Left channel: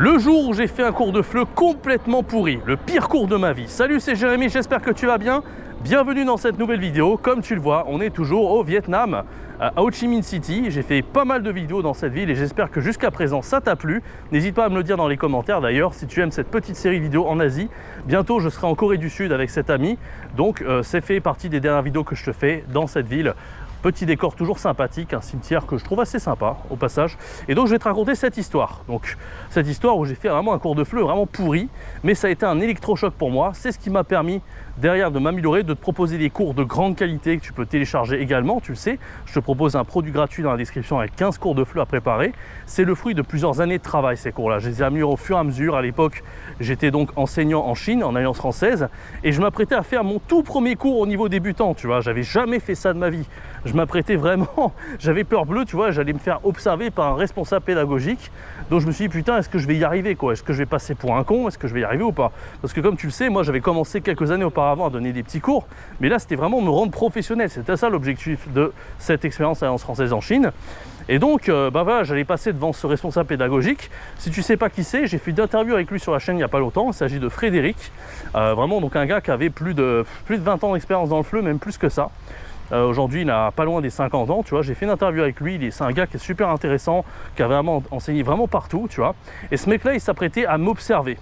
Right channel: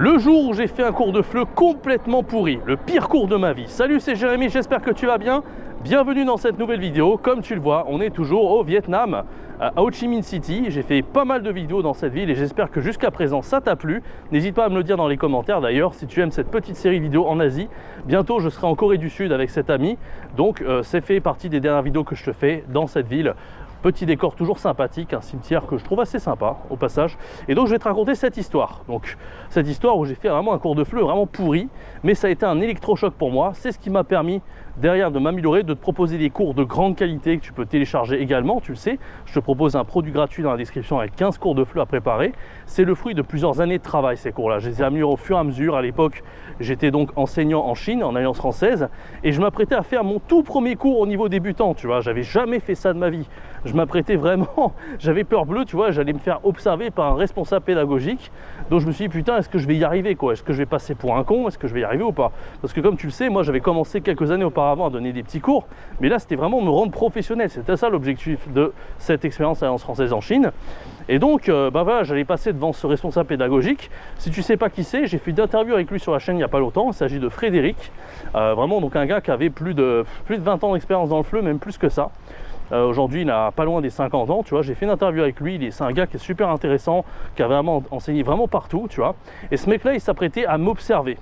Le jour où j'ai fait un cours de FLE complètement pourri, le pire cours de ma vie. Salut, c'est Jérémy, j'espère que tu vas bien. Bienvenue dans cette nouvelle vidéo. Comme tu le vois, on est toujours au Vietnam, à Ho Chi Minh City. J'ai fait pas mal de vidéos dans cette ville et j'espère que jusqu'à présent ça t'a plu. N'hésite pas à me le dire dans les commentaires d'ailleurs si tu aimes cette petite série vidéo en Asie. Bientôt je serai en Corée du Sud avec cet ami. Donc c'est fait partie des dernières vidéos que je te fais dans cette ville. Petit décor toujours sympathique, un cimetière que je trouve assez sympa au passage. Et donc je vais te raconter cette histoire. Donc cette histoire où j'ai fait vraiment un cours de FLE vraiment pourri, mais ça a été un électrochoc pour moi. C'est ce qui m'a permis derrière de m'améliorer, de te proposer des cours de grande qualité que tu peux télécharger également, tu le sais. Je te propose un produit gratuit dans la description avec 15 cours de FLE à préparer. C'est le fruit de plusieurs années de travail ces cours-là. Je les ai améliorés au fur et à mesure. À l'époque, j'étais donc enseignant en Chine, en Alliance française, et je m'apprêtais à faire mon tout premier cours au niveau débutant, tu vois. J'avais jamais fait ça de ma vie. Je m'apprêtais vraiment, j'avais peur bleue, tu vois, j'allais me faire observer par un responsable pédagogique. Donc je me suis dit, putain, est-ce que je vais y arriver, quoi? Est-ce que je vais passer pour un con? Est-ce que je vais y arriver ou pas? Parce que comme tu le sais, moi j'avais commencé quelques années auparavant à donner des petits cours, mais là c'était vraiment me rendre professionnel. C'était ça l'objectif de cette expérience à l'Alliance française en Chine. Et donc, voilà, j'allais passer devant ce responsable pédagogique. Si tu sais pas qui c'est, j'ai fait une interview avec lui sur la chaîne il n'y a pas longtemps. Il s'agit de Frédéric, vraiment donc un gars qui avait plus de 20 ans d'expérience dans le FLE, même plus que ça. Aujourd'hui, il a pas loin des 50 ans, tu vois. J'ai fait une interview avec lui, c'est un gars qui est super intéressant, qui a vraiment enseigné vraiment partout, tu vois. Et ce mec-là, il s'apprêtait à m'observer.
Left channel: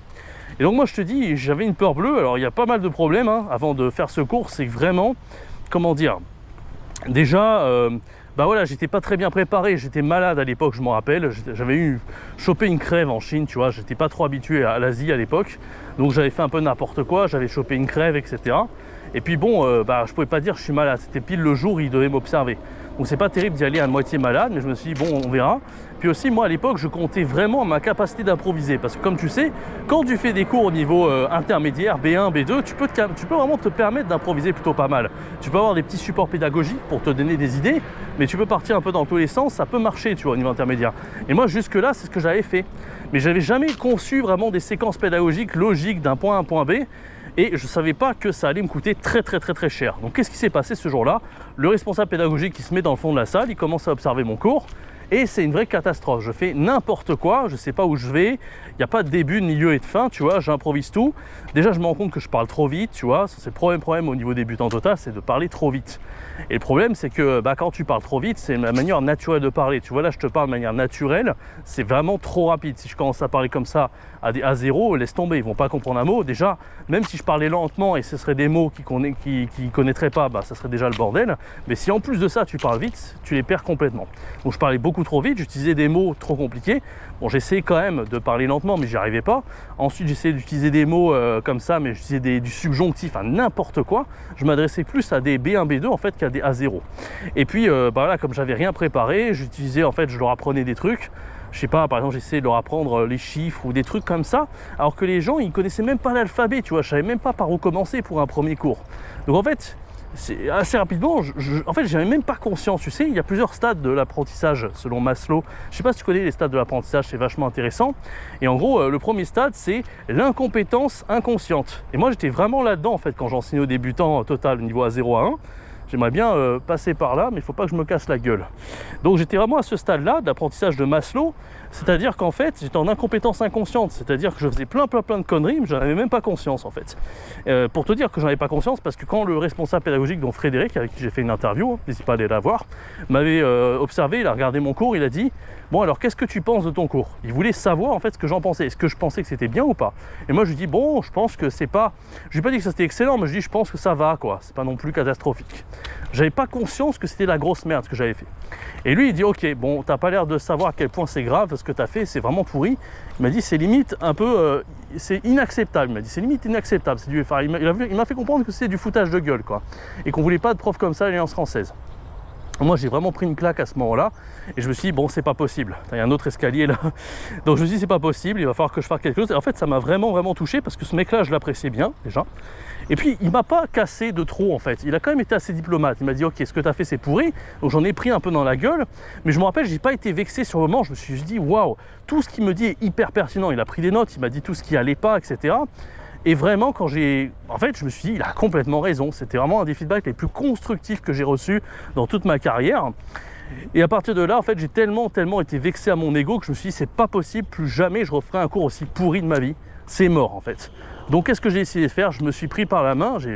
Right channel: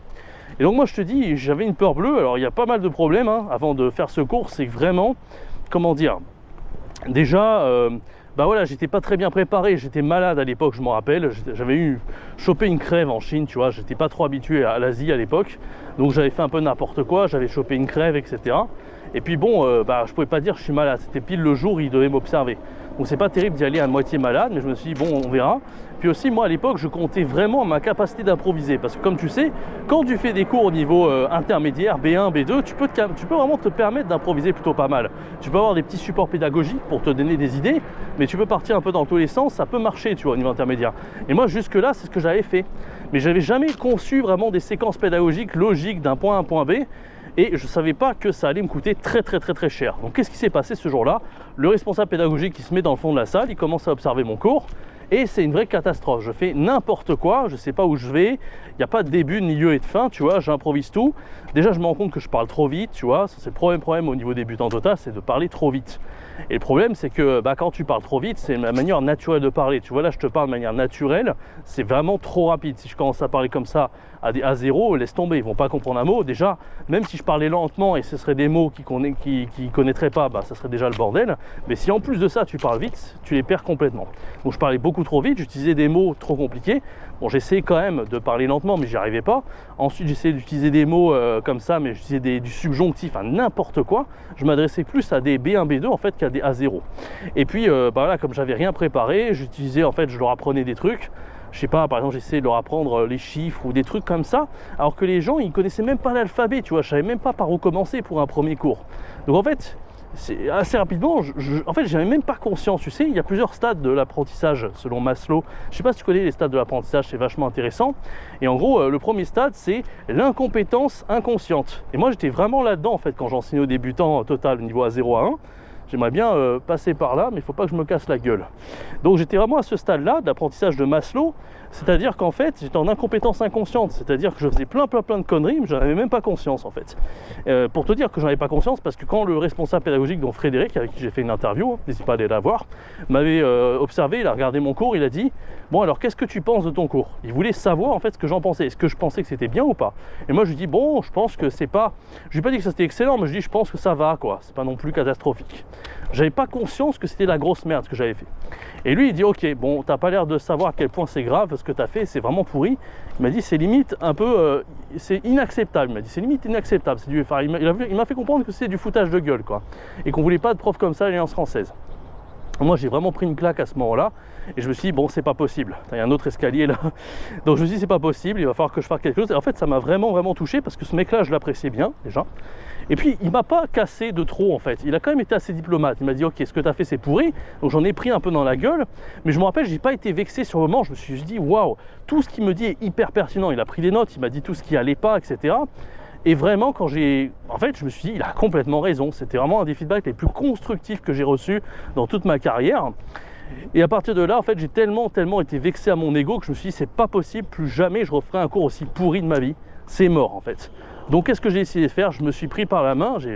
Et donc moi, je te dis, j'avais une peur bleue. Alors, il y a pas mal de problèmes hein, avant de faire ce cours. C'est vraiment, comment dire, déjà... bah voilà, j'étais pas très bien préparé, j'étais malade à l'époque, je m'en rappelle, j'avais chopé une crève en Chine, tu vois, j'étais pas trop habitué à l'Asie à l'époque, donc j'avais fait un peu n'importe quoi, j'avais chopé une crève, etc. Et puis bon, bah je pouvais pas dire je suis malade, c'était pile le jour où il devait m'observer. Donc c'est pas terrible d'y aller à moitié malade, mais je me suis dit bon, on verra. Puis aussi, moi à l'époque, je comptais vraiment ma capacité d'improviser, parce que comme tu sais, quand tu fais des cours au niveau intermédiaire, B1, B2, tu peux vraiment te permettre d'improviser plutôt pas mal. Tu peux avoir des petits supports pédagogiques pour te donner des idées, mais tu peux partir un peu dans tous les sens, ça peut marcher, tu vois, au niveau intermédiaire. Et moi, jusque-là, c'est ce que j'avais fait. Mais j'avais jamais conçu vraiment des séquences pédagogiques logiques d'un point A à un point B. Et je ne savais pas que ça allait me coûter très cher. Donc qu'est-ce qui s'est passé ce jour-là? Le responsable pédagogique qui se met dans le fond de la salle, il commence à observer mon cours. Et c'est une vraie catastrophe, je fais n'importe quoi, je ne sais pas où je vais, il n'y a pas de début, de milieu et de fin, tu vois, j'improvise tout. Déjà je me rends compte que je parle trop vite, tu vois, c'est le problème au niveau débutant total, c'est de parler trop vite. Et le problème c'est que bah, quand tu parles trop vite, c'est la manière naturelle de parler, tu vois, là je te parle de manière naturelle, c'est vraiment trop rapide. Si je commence à parler comme ça à des A0, laisse tomber, ils ne vont pas comprendre un mot. Déjà, même si je parlais lentement et ce seraient des mots qu'ils connaîtraient pas, bah, ça serait déjà le bordel. Mais si en plus de ça tu parles vite, tu les perds complètement. Donc je parlais beaucoup trop vite, j'utilisais des mots trop compliqués. Bon, j'essayais quand même de parler lentement, mais j'y arrivais pas. Ensuite, j'essayais d'utiliser des mots comme ça, mais j'utilisais du subjonctif, à n'importe quoi. Je m'adressais plus à des B1, B2 en fait qu'à des A0. Et puis, bah là, comme j'avais rien préparé, j'utilisais en fait, je leur apprenais des trucs. Je sais pas, par exemple, j'essayais de leur apprendre les chiffres ou des trucs comme ça, alors que les gens, ils connaissaient même pas l'alphabet, tu vois. Je savais même pas par où commencer pour un premier cours. Donc en fait, c'est assez rapidement, en fait, j'avais même pas conscience, tu sais, il y a plusieurs stades de l'apprentissage selon Maslow. Je sais pas si tu connais les stades de l'apprentissage, c'est vachement intéressant. Et en gros, le premier stade, c'est l'incompétence inconsciente. Et moi, j'étais vraiment là-dedans, en fait, quand j'enseignais aux débutants total niveau A0 à 1. J'aimerais bien passer par là, mais il ne faut pas que je me casse la gueule. Donc j'étais vraiment à ce stade-là d'apprentissage de Maslow, c'est-à-dire qu'en fait, j'étais en incompétence inconsciente, c'est-à-dire que je faisais plein de conneries, mais je n'en avais même pas conscience en fait. Pour te dire que j'en avais pas conscience, parce que quand le responsable pédagogique, donc Frédéric, avec qui j'ai fait une interview, n'hésite pas à aller la voir, m'avait observé, il a regardé mon cours, il a dit « Bon alors, qu'est-ce que tu penses de ton cours ?» Il voulait savoir en fait ce que j'en pensais, est-ce que je pensais que c'était bien ou pas. Et moi je lui dis « Bon, je pense que c'est pas... » Je lui ai pas dit que ça c'était excellent, mais je lui dis « Je pense que ça va quoi, c'est pas non plus catastrophique. » J'avais pas conscience que c'était la grosse merde ce que j'avais fait. Et lui il dit ok, bon t'as pas l'air de savoir à quel point c'est grave ce que t'as fait, c'est vraiment pourri. Il m'a dit c'est limite un peu, c'est inacceptable. Il m'a dit c'est limite inacceptable. Enfin, il m'a fait comprendre que c'était du foutage de gueule quoi. Et qu'on voulait pas de prof comme ça à l'Alliance française. Moi j'ai vraiment pris une claque à ce moment-là et je me suis dit bon c'est pas possible, il y a un autre escalier là. Donc je me suis dit c'est pas possible, il va falloir que je fasse quelque chose. Et en fait ça m'a vraiment touché parce que ce mec là je l'appréciais bien déjà. Et puis il m'a pas cassé de trop en fait, il a quand même été assez diplomate. Il m'a dit ok ce que tu as fait c'est pourri, donc j'en ai pris un peu dans la gueule. Mais je me rappelle j'ai pas été vexé sur le moment, je me suis dit waouh, tout ce qu'il me dit est hyper pertinent. Il a pris des notes, il m'a dit tout ce qui allait pas, etc. Et vraiment, quand j'ai... En fait, je me suis dit, il a complètement raison. C'était vraiment un des feedbacks les plus constructifs que j'ai reçus dans toute ma carrière. Et à partir de là, en fait, j'ai tellement été vexé à mon ego que je me suis dit, c'est pas possible, plus jamais je referai un cours aussi pourri de ma vie. C'est mort, en fait. Donc, qu'est-ce que j'ai essayé de faire? Je me suis pris par la main, je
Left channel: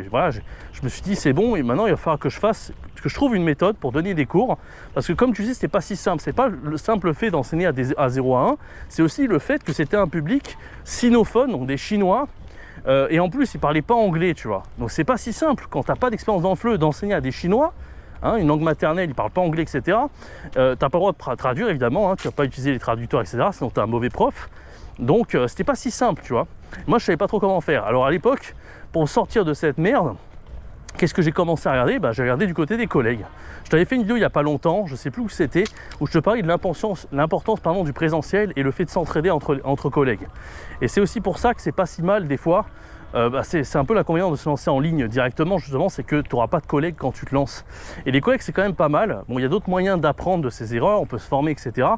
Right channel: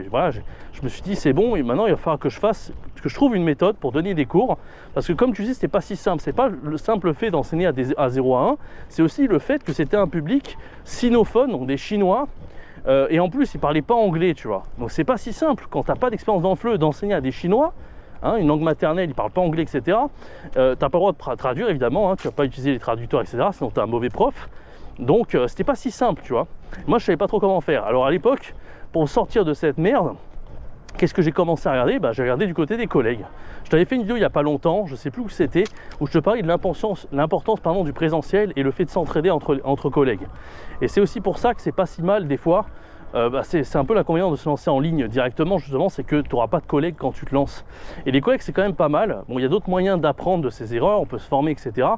me suis dit, c'est bon, et maintenant, il va falloir que je trouve une méthode pour donner des cours. Parce que, comme tu dis, c'était pas si simple. C'est pas le simple fait d'enseigner à 0 à 1, c'est aussi le fait que c'était un public sinophone, donc des Chinois. Et en plus, ils parlaient pas anglais, tu vois. Donc, c'est pas si simple quand t'as pas d'expérience dans le FLE d'enseigner à des Chinois. Hein, une langue maternelle, ils ne parlent pas anglais, etc. Tu n'as pas le droit de traduire, évidemment, hein, tu ne vas pas utiliser les traducteurs, etc. Sinon, tu es un mauvais prof. Donc, c'était pas si simple, tu vois. Moi, je ne savais pas trop comment faire. Alors, à l'époque, pour sortir de cette merde, qu'est-ce que j'ai commencé à regarder? J'ai regardé du côté des collègues. Je t'avais fait une vidéo il n'y a pas longtemps, je ne sais plus où c'était, où je te parlais de l'importance du présentiel et le fait de s'entraider entre collègues. Et c'est aussi pour ça que c'est pas si mal, des fois, c'est un peu l'inconvénient de se lancer en ligne directement, justement, c'est que tu n'auras pas de collègues quand tu te lances. Et les collègues, c'est quand même pas mal. Bon, il y a d'autres moyens d'apprendre de ses erreurs, on peut se former, etc.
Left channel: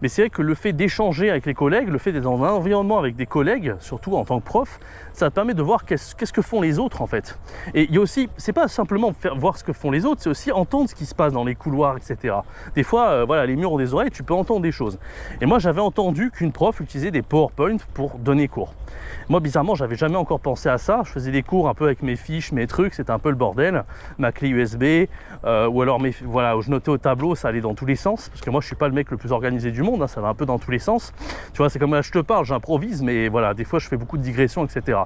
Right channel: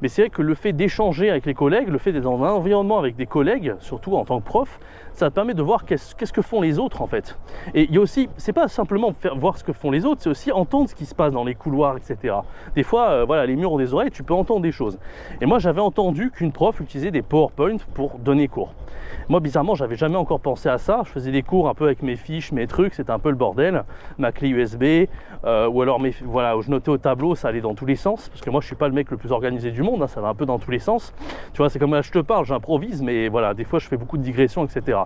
Mais c'est vrai que le fait d'échanger avec les collègues, le fait d'être dans un environnement avec des collègues, surtout en tant que prof, ça te permet de voir qu'est-ce que font les autres, en fait. Et il y a aussi, c'est pas simplement voir ce que font les autres, c'est aussi entendre ce qui se passe dans les couloirs, etc. Des fois, voilà, les murs ont des oreilles, tu peux entendre des choses. Et moi, j'avais entendu qu'une prof utilisait des PowerPoint pour donner cours. Moi, bizarrement, j'avais jamais encore pensé à ça. Je faisais des cours un peu avec mes fiches, mes trucs, c'était un peu le bordel. Ma clé USB, ou alors voilà, je notais au tableau, ça allait dans tous les sens. Parce que moi, je suis pas le mec le plus organisé du monde, hein, ça va un peu dans tous les sens. Tu vois, c'est comme là, je te parle, j'improvise, mais voilà, des fois, je fais beaucoup de digressions, etc.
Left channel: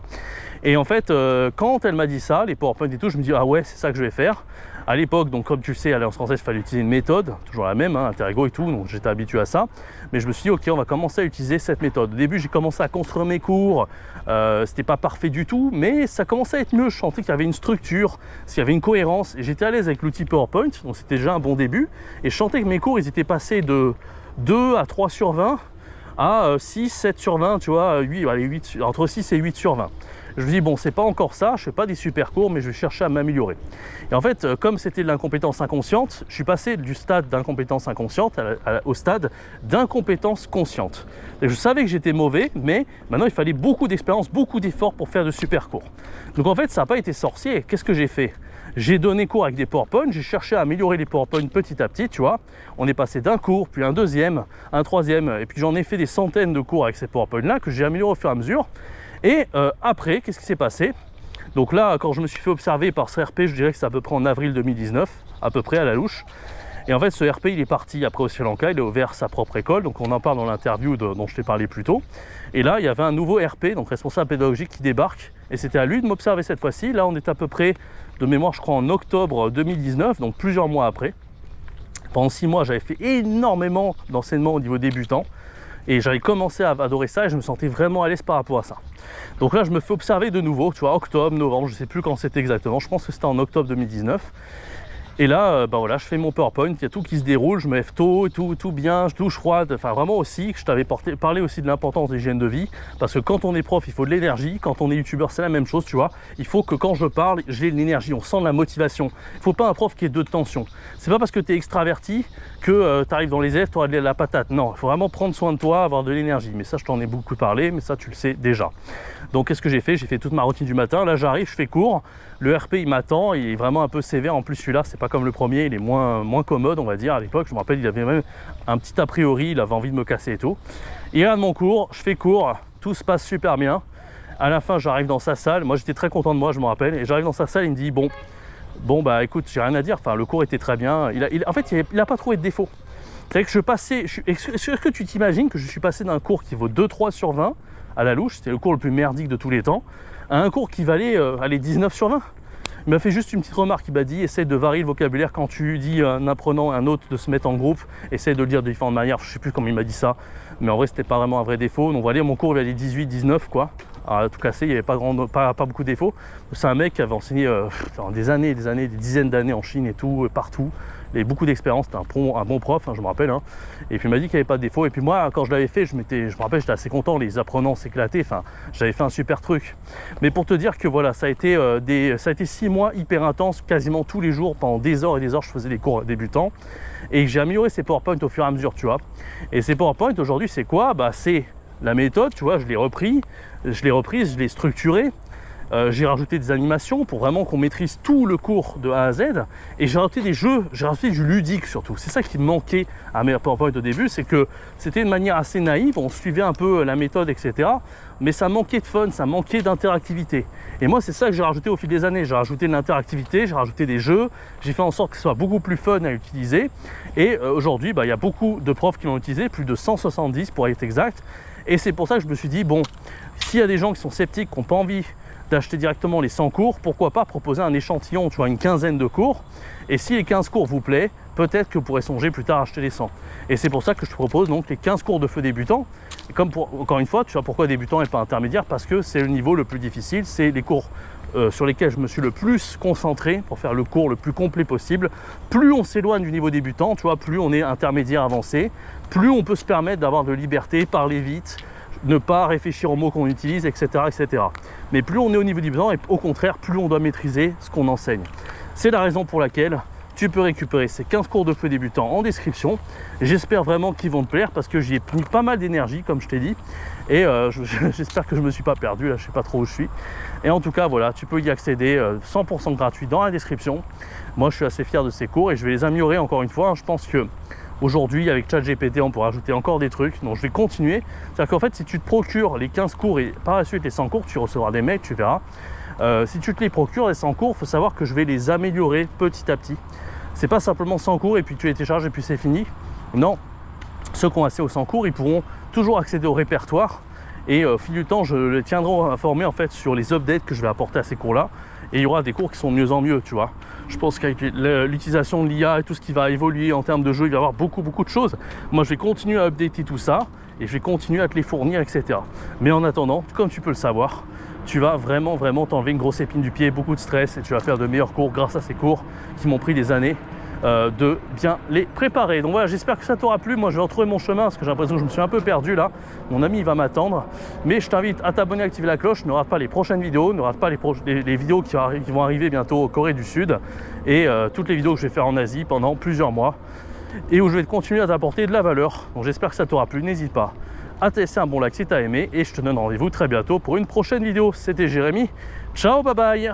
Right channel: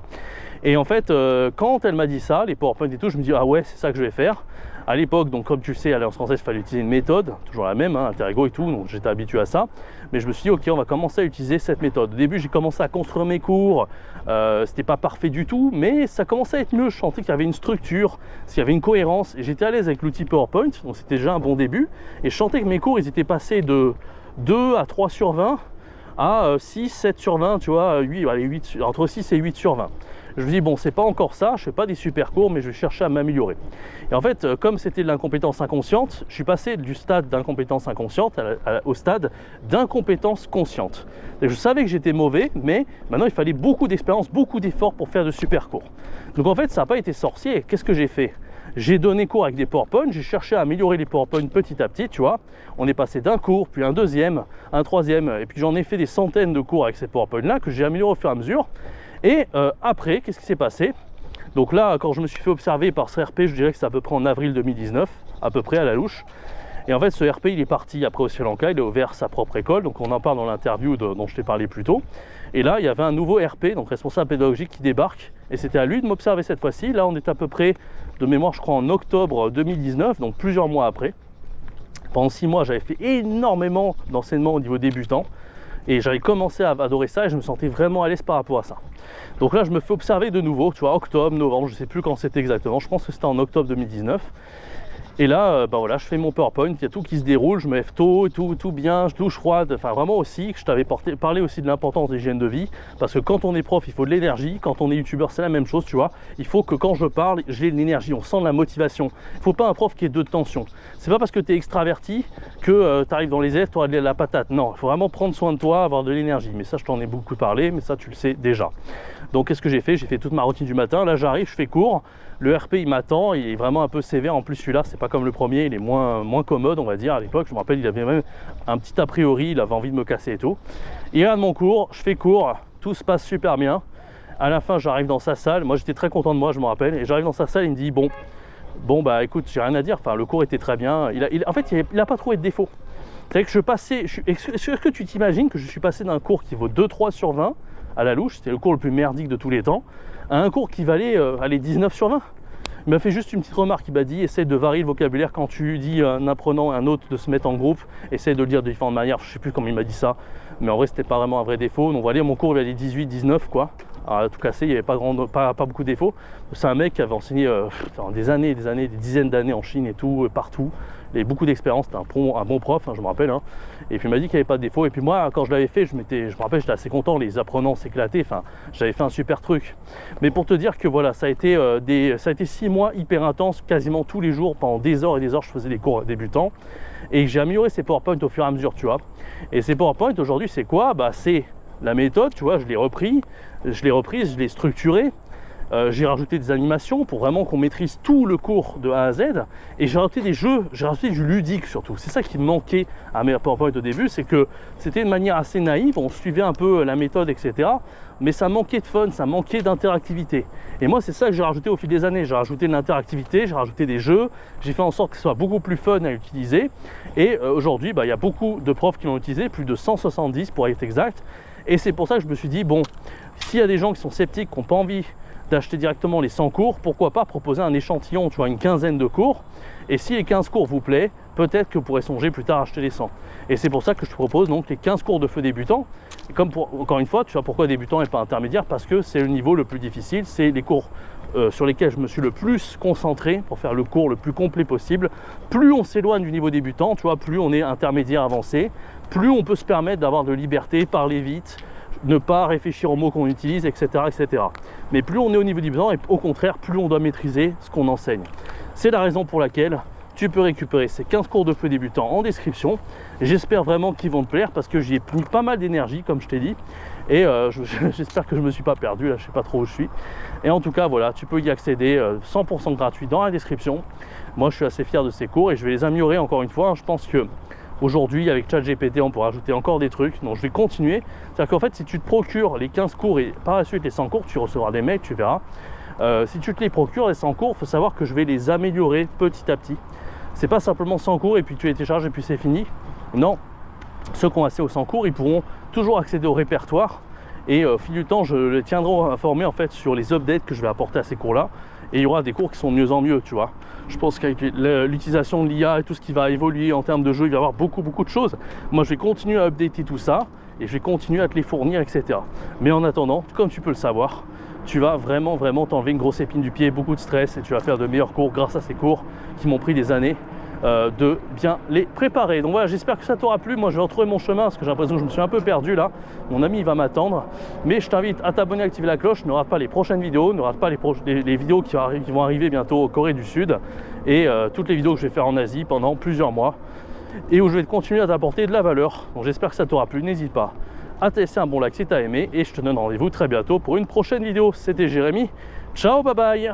Et en fait, quand elle m'a dit ça, les PowerPoint et tout, je me dis, ah ouais, c'est ça que je vais faire. À l'époque, donc comme tu le sais, à l'Alliance française, il fallait utiliser une méthode, toujours la même, hein, Interego et tout, donc j'étais habitué à ça. Mais je me suis dit, ok, on va commencer à utiliser cette méthode. Au début, j'ai commencé à construire mes cours, c'était pas parfait du tout, mais ça commençait à être mieux. Je sentais qu'il y avait une structure, qu'il y avait une cohérence, et j'étais à l'aise avec l'outil PowerPoint, donc c'était déjà un bon début. Et je sentais que mes cours, ils étaient passés de 2 à 3 sur 20 à 6, 7 sur 20, tu vois, 8, allez, 8, entre 6 et 8 sur 20. Je me dis, bon, c'est pas encore ça, je fais pas des super cours, mais je vais chercher à m'améliorer. Et en fait, comme c'était de l'incompétence inconsciente, je suis passé du stade d'incompétence inconsciente au stade d'incompétence consciente. Et je savais que j'étais mauvais, mais maintenant, il fallait beaucoup d'expérience, beaucoup d'efforts pour faire de super cours. Donc en fait, ça n'a pas été sorcier. Qu'est-ce que j'ai fait? J'ai donné cours avec des PowerPoint, j'ai cherché à améliorer les PowerPoint petit à petit, tu vois. On est passé d'un cours, puis un deuxième, un troisième, et puis j'en ai fait des centaines de cours avec ces PowerPoint-là que j'ai amélioré au fur et à mesure. Et après, qu'est-ce qui s'est passé? Donc là, quand je me suis fait observer par ce RP, je dirais que c'est à peu près en avril 2019, à peu près à la louche. Et en fait, ce RP, il est parti après au Sri Lanka, il a ouvert sa propre école, donc on en parle dans l'interview dont je t'ai parlé plus tôt. Et là, il y avait un nouveau RP, donc responsable pédagogique, qui débarque, et c'était à lui de m'observer cette fois-ci. Là, on est à peu près, de mémoire, je crois, en octobre 2019, donc plusieurs mois après. Pendant 6 mois, j'avais fait énormément d'enseignement au niveau débutant. Et j'avais commencé à adorer ça et je me sentais vraiment à l'aise par rapport à ça. Donc là, je me fais observer de nouveau, tu vois, octobre, novembre, je ne sais plus quand c'était exactement. Je pense que c'était en octobre 2019. Et là, voilà, je fais mon PowerPoint, il y a tout qui se déroule, je me lève tôt, tout bien, je douche froide, enfin vraiment aussi, je t'avais parlé aussi de l'importance des hygiènes de vie, parce que quand on est prof, il faut de l'énergie, quand on est youtubeur, c'est la même chose, tu vois, il faut que quand je parle, j'ai de l'énergie, on sent de la motivation. Il ne faut pas un prof qui ait de tension. C'est pas parce que tu es extraverti que tu arrives dans les airs, tu auras de la patate. Non, il faut vraiment prendre soin de toi, avoir de l'énergie. Mais ça, je t'en ai beaucoup parlé, mais ça, tu le sais déjà. Donc, qu'est-ce que j'ai fait? J'ai fait toute ma routine du matin. Là, j'arrive, je fais cours. Le RP, il m'attend. Il est vraiment un peu sévère. En plus, celui-là, c'est pas comme le premier. Il est moins commode, on va dire. À l'époque, je me rappelle, il avait même un petit a priori. Il avait envie de me casser et tout. Il regarde mon cours. Je fais cours. Tout se passe super bien. À la fin, j'arrive dans sa salle. Moi, j'étais très content de moi, je me rappelle. Et j'arrive dans sa salle. Il me dit, bon, bah, écoute, j'ai rien à dire. Enfin, le cours était très bien. En fait, il n'a pas trouvé de défaut. C'est que je passais. Est-ce que tu t'imagines que je suis passé d'un cours qui vaut 2-3 sur 20 à la louche, c'était le cours le plus merdique de tous les temps, à un cours qui valait 19 sur 20. Il m'a fait juste une petite remarque, il m'a dit essaye de varier le vocabulaire quand tu dis un apprenant à un autre de se mettre en groupe, essaye de le dire de différentes manières, je sais plus comment il m'a dit ça, mais en vrai c'était pas vraiment un vrai défaut. Donc voilà, mon cours il valait 18-19 quoi, à tout casser, il n'y avait pas beaucoup de défauts. C'est un mec qui avait enseigné des dizaines d'années en Chine et tout, partout. Il avait beaucoup d'expérience, c'était un bon prof, hein, je me rappelle. Hein. Et puis il m'a dit qu'il n'y avait pas de défaut. Et puis moi, quand je l'avais fait, je me rappelle, j'étais assez content, les apprenants s'éclataient. Enfin, j'avais fait un super truc. Mais pour te dire que voilà, ça a été 6 mois hyper intenses, quasiment tous les jours, pendant des heures et des heures, je faisais des cours débutants. Et j'ai amélioré ces PowerPoint au fur et à mesure, tu vois. Et ces PowerPoint, aujourd'hui, c'est quoi? Bah, c'est la méthode, tu vois, je l'ai reprise, je l'ai structurée. J'ai rajouté des animations pour vraiment qu'on maîtrise tout le cours de A à Z. Et j'ai rajouté des jeux, j'ai rajouté du ludique surtout. C'est ça qui manquait à mes PowerPoint au début, c'est que c'était une manière assez naïve, on suivait un peu la méthode, etc. Mais ça manquait de fun, ça manquait d'interactivité. Et moi, c'est ça que j'ai rajouté au fil des années. J'ai rajouté de l'interactivité, j'ai rajouté des jeux, j'ai fait en sorte que ce soit beaucoup plus fun à utiliser. Et aujourd'hui, il y a beaucoup de profs qui l'ont utilisé, plus de 170 pour être exact. Et c'est pour ça que je me suis dit, bon, s'il y a des gens qui sont sceptiques, qui n'ont pas envie d'acheter directement les 100 cours, pourquoi pas proposer un échantillon, tu vois, une quinzaine de cours. Et si les 15 cours vous plaît, peut-être que vous pourrez songer plus tard à acheter les 100. Et c'est pour ça que je te propose donc les 15 cours de feu débutant. Et comme encore une fois, tu vois pourquoi débutant et pas intermédiaire, parce que c'est le niveau le plus difficile, c'est les cours sur lesquels je me suis le plus concentré pour faire le cours le plus complet possible. Plus on s'éloigne du niveau débutant, tu vois, plus on est intermédiaire avancé, plus on peut se permettre d'avoir de liberté, parler vite, ne pas réfléchir aux mots qu'on utilise, etc., etc. Mais plus on est au niveau débutant, et au contraire, plus on doit maîtriser ce qu'on enseigne. C'est la raison pour laquelle tu peux récupérer ces 15 cours de feu débutant en description. J'espère vraiment qu'ils vont te plaire parce que j'y ai mis pas mal d'énergie, comme je t'ai dit. Et j'espère que je ne me suis pas perdu, là je ne sais pas trop où je suis. Et en tout cas, voilà, tu peux y accéder 100% gratuit dans la description. Moi, je suis assez fier de ces cours et je vais les améliorer encore une fois. Je pense que aujourd'hui, avec ChatGPT, on pourra ajouter encore des trucs. Donc, je vais continuer. C'est-à-dire qu'en fait, si tu te procures les 15 cours et par la suite les 100 cours, tu recevras des mails, tu verras. Si tu te les procures, les 100 cours, il faut savoir que je vais les améliorer petit à petit. C'est pas simplement 100 cours et puis tu les télécharges et puis c'est fini. Non, ceux qui ont accès aux 100 cours, ils pourront toujours accéder au répertoire. Et au fil du temps, je les tiendrai informés en fait sur les updates que je vais apporter à ces cours-là. Et il y aura des cours qui sont de mieux en mieux, tu vois. Je pense qu'avec l'utilisation de l'IA et tout ce qui va évoluer en termes de jeu, il va y avoir beaucoup de choses. Moi, je vais continuer à updater tout ça et je vais continuer à te les fournir, etc. Mais en attendant, comme tu peux le savoir, tu vas vraiment t'enlever une grosse épine du pied, beaucoup de stress et tu vas faire de meilleurs cours grâce à ces cours qui m'ont pris des années de bien les préparer. Donc voilà, j'espère que ça t'aura plu. Moi, je vais retrouver mon chemin parce que j'ai l'impression que je me suis un peu perdu là. Mon ami, il va m'attendre. Mais je t'invite à t'abonner, à activer la cloche. Ne rate pas les prochaines vidéos. Ne rate pas les vidéos qui vont arriver bientôt au Corée du Sud et toutes les vidéos que je vais faire en Asie pendant plusieurs mois et où je vais continuer à t'apporter de la valeur. Donc j'espère que ça t'aura plu. N'hésite pas à te laisser un bon like si tu as aimé et je te donne rendez-vous très bientôt pour une prochaine vidéo. C'était Jérémy. Ciao, bye bye.